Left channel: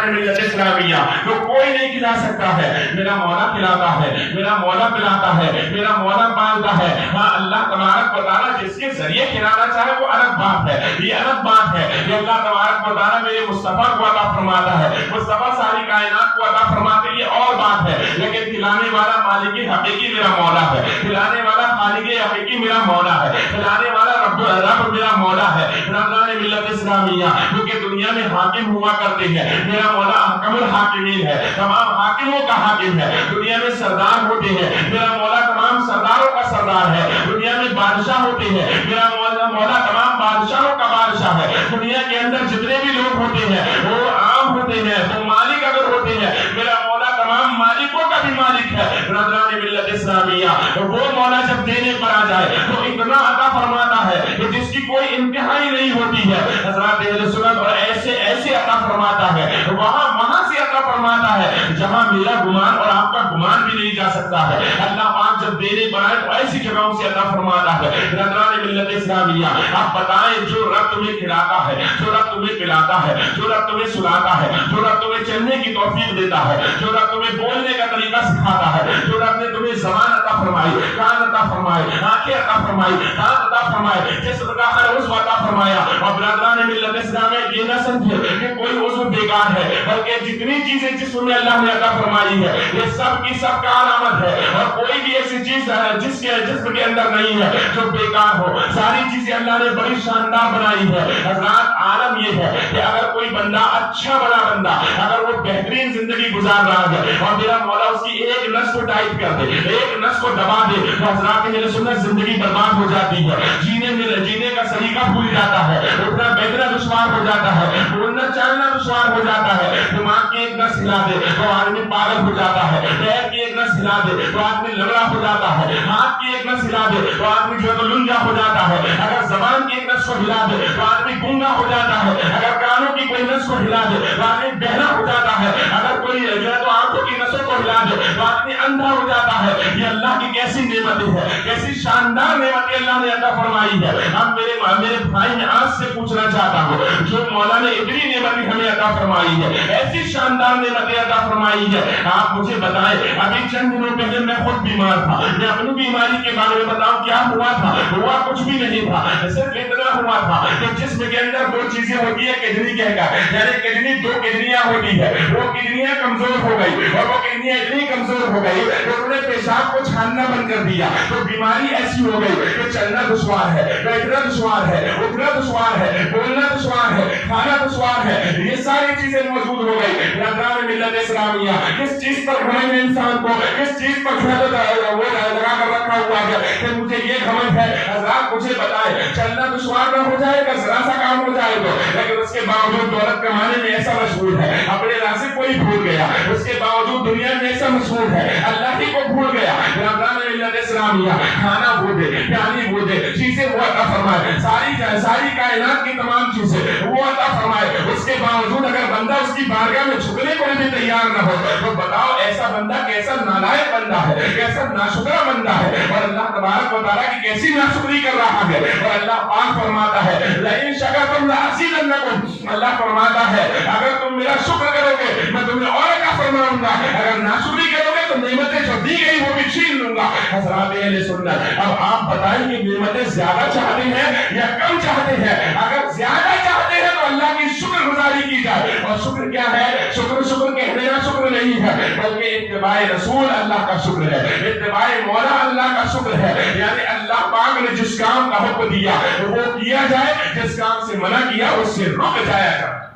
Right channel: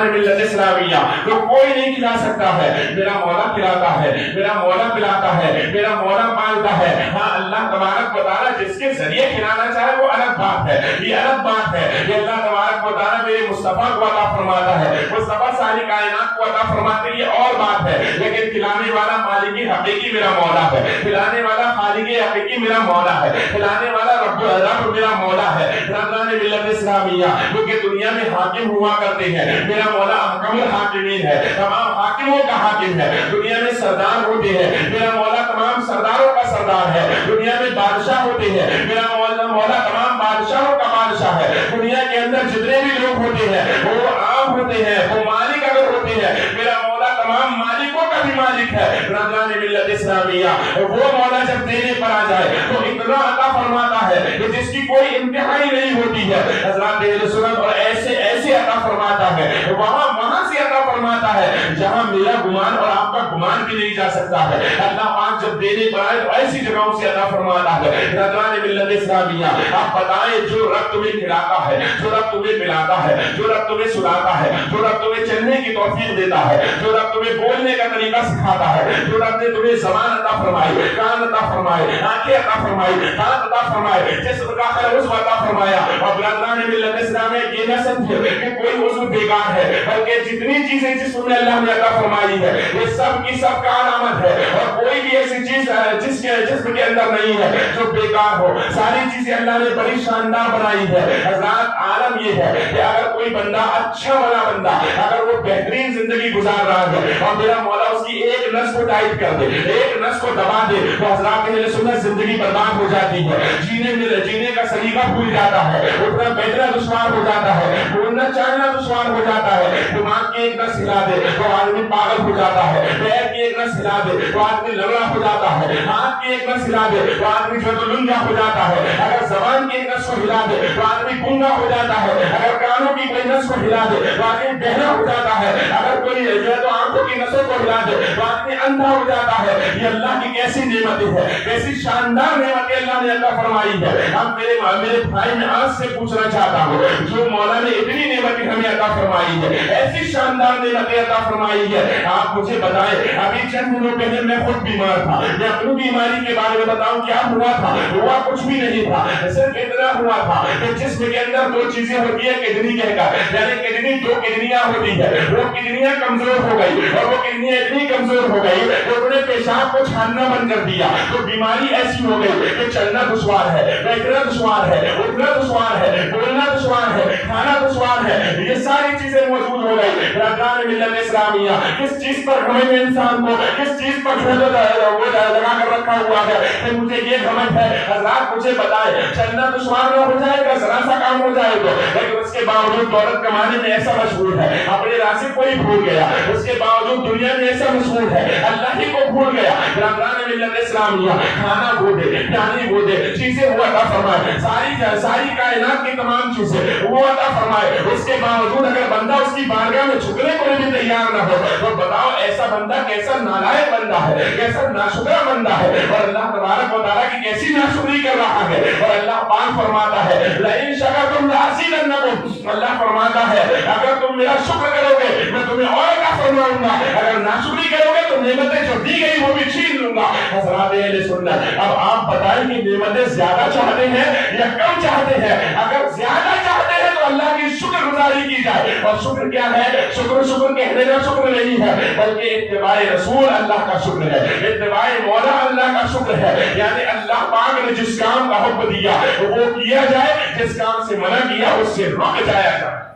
برادران ملت اسلامیہ تو کوئی نہیں کھلا سکتا ہے، میرا مولا کھلاتا ہے، میرا مولا پلاتا ہے، میرا مولا پالتا ہے۔ ہاں اللہ تبارک و تعالیٰ جس کے ذریعے کھلانا چاہے وہ الگ بات ہے، یہ الگ بات ہے۔ یہ اللہ تبارک و تعالیٰ میرے مصطفیٰ کو عطا فرماتا ہے، مصطفیٰ ساری کائنات کو عطا فرماتے ہیں، یہ اور بات ہے۔ لیکن کھلانے والا مالک حقیقی میرا مولا ہے، کھلانے والا خالق حقیقی میرا مولا ہے، کھلانے والا رب میرا مولا ہے۔ برادران ملت اسلامیہ کیونکہ دنیا میں حاکم ہوا کرتے ہیں، میرا مولا احکم الحاکمین ہے، تمام حاکموں کا حاکم ہے۔ دنیا میں سردار ہوتے ہیں، میرا مولا تمام سرداروں کا سردار ہے۔ دنیا میں بادشاہ ہوتے ہیں، میرا مولا تمام بادشاہوں کا بادشاہ ہے۔ دنیا کے اندر جتنے بھی لوگ ہوتے ہیں وہ عام ہوتے ہیں، وہ مالک اگر ہوتے ہیں، میرا مولا تمام مالکوں کا بھی مالک ہے۔ برادران ملت اسلامیہ وہ مولا جب دینے پر آ جائے تو اتنا عطا فرماتا ہے کہ جس کی کوئی انتہا ہی نہیں ہوتی ہے۔ حضرات اہل سنت اور ایسے ایسے عطا فرماتا ہے، وہاں سے عطا فرماتا ہے جہاں میرا گمان اور آپ کا گمان بھی نہیں جا سکتا ہے۔ اللہ پاک جب دینے پر آئے تو ایسی جگہوں سے عطا فرماتا ہے۔ برادران ملت اسلامیہ آپ بتائیں، جو رب تمہیں کھلاتا ہے، جو رب تمہیں پلاتا ہے، جو رب تمہیں سلاتا ہے، جو رب تمہیں چلنے کی توفیق دیتا ہے، جو رب تمہیں بولنے کا طریقہ سکھاتا ہے، جو رب نے تمہیں زبان عطا فرمائی، کان عطا فرمائے، آنکھیں عطا فرمائی، ہاتھ عطا فرمائے، جسم کا ہر عضو عطا فرمایا۔ اور برادران ملت اسلامیہ یہ نہ سمجھے کہ کوئی عضو بیکار ہے، بلکہ جتنی چیزیں جسم میں اللہ نے عطا فرمائی ہے یہ سب کی سب کا علامت ہے، اور کوئی بھی ایسی چیز جس کے جسم کے اندر نہیں ہے جو بیکار ہو۔ ساری چیزیں اللہ نے بڑی شاندار بنائی ہے۔ حضرات عالم یہ ہے کہ اگر کوئی بندہ اچھا بنا بندہ اگر وہ بہترین زندگی گزار رہا ہے اور میرا مولا اس کی ایک نس کو ٹائٹ کر دے، ایک نس کو دبا دے، تو حضرات میرے سنت زندگی برباد ہو جاتی ہے، جینے کا سلیقہ بھول جاتا ہے، اٹھنا بیٹھنا دشوار ہو جاتا ہے، بولنا چالنا دشوار ہو جاتا ہے۔ دماغ کی ایک نس ہلا دے تو آدمی پاگل ہو جاتا ہے، پیر کی ایک نس ہلا دے تو آدمی لنگڑا ہو جاتا ہے، ہاتھ کی ایک نس ہلا دے تو آدمی جو ہے تو لنگا ہو جاتا ہے، اگر زبان کی ایک نس کو ہلا دے تو آدمی گونگا ہو جاتا ہے، اگر کانوں کی کوئی نس کو ہلا دے تو آدمی بہرا ہو جاتا ہے، اگر کوئی جو ہے تو آنکھوں کی نسوں کو ہلا دے تو آدمی اندھا ہو جاتا ہے۔ یہ اللہ کی کیسی نعمتیں ہیں، کیسی شاندار نعمتیں اللہ نے عطا فرمائی ہے۔ اب میرے بھائی میں آج سے پوچھنا چاہتا ہوں، جو مولا نے اتنی نعمتیں ہمیں عطا فرمائی ہے، ایسی شاندار نعمتیں عطا فرمائی ہے، آپ مجھے بتائیں۔ ابھی چند دنوں پہلے میں خود بیمار تھا، میں اپنی بیماری کے بارے میں بتاؤں کیا ہوا تھا؟ ہوا کچھ بھی نہیں تھا، صرف اتنا ہوا تھا کہ جسم کے اندر دو چیزیں ہوتی ہے، کڈنی کہہ کر، یعنی کڈنی دو کڈنیاں ہوتی ہے، وہ کڈنیاں کمزور ہو گئی، اور وہ کڈنیاں اتنی کمزور ہو گئی کہ انہوں نے پیشاب کو چھاننا بند کر دیا، تو بیماری ایسی ہو گئی کہ چلنا دشوار ہے، بیٹھنا دشوار ہے، اٹھنا دشوار ہے، بولنا دشوار ہے، کھانا دشوار ہے، یہ ساری چیزیں موجود ہو گئی۔ برادران ملت اسلامیہ کس چیز پر گھمنڈ ہے انسان کو، کس چیز پر وہ لگا کر رکھا ہوا ہے کہ مجھے یہ گھمنڈ ہے؟ حضرات مجھے بتائیں، چلنا دشوار نہ ہو جائے گا، ذرا سا کام ہو جائے گا، لیکن اس کے باوجود دولت کمانے میں ایسا مشغول ہے، اپنے رازق کو ہی بھول گیا، اس کے باوجود دنیا میں ایسا مشغول ہے، اللہ ہی کو بھول گیا۔ برادران ملت اسلامیہ کھانا وہ دے، پیانی وہ دے، چیزیں وہ عطا فرمائے، ساری کائنات کی تمام چیزیں وہ عطا فرمائے، اس کے باوجود اگر بندہ اس کی بارگاہ میں جھکنے کو بھی تیار نہ ہو تو بتاؤ ایسا بندہ کیسا نالائق بندہ ہے، کیسا ناشکرا بندہ ہے، اور اللہ تبارک و تعالیٰ کی کیسی ناشکری کر رہا ہے۔ اور اللہ پاک فرماتا ہے لئن شکرتم لأزیدنکم، اللہ فرماتا ہے اگر تم میرا شکر کرو گے میں تمہیں اور عطا فرماؤں گا، اگر ناشکری کرو گے تو نعمتیں جو دی گئی وہ بھی چھین لوں گا۔ حضرات اہل سنت اب آپ بتائیں کہ نعمتیں زیادہ چاہتے ہیں یا کم چاہتے ہیں؟ اگر زیادہ چاہتے ہیں تو اللہ کی شکر گزاری کی جائے، اور شکر کیا ہے؟ شکر کہنے کا شکر نہیں ہے، بلکہ اتباع رسول اللہ کا شکر ہے، اتباع مولا اللہ کا شکر ہے، یعنی اللہ پاک نے جس کام کا حکم دیا وہ کیا جائے، جس کام سے منع کیا اس سے رک جایا جائے۔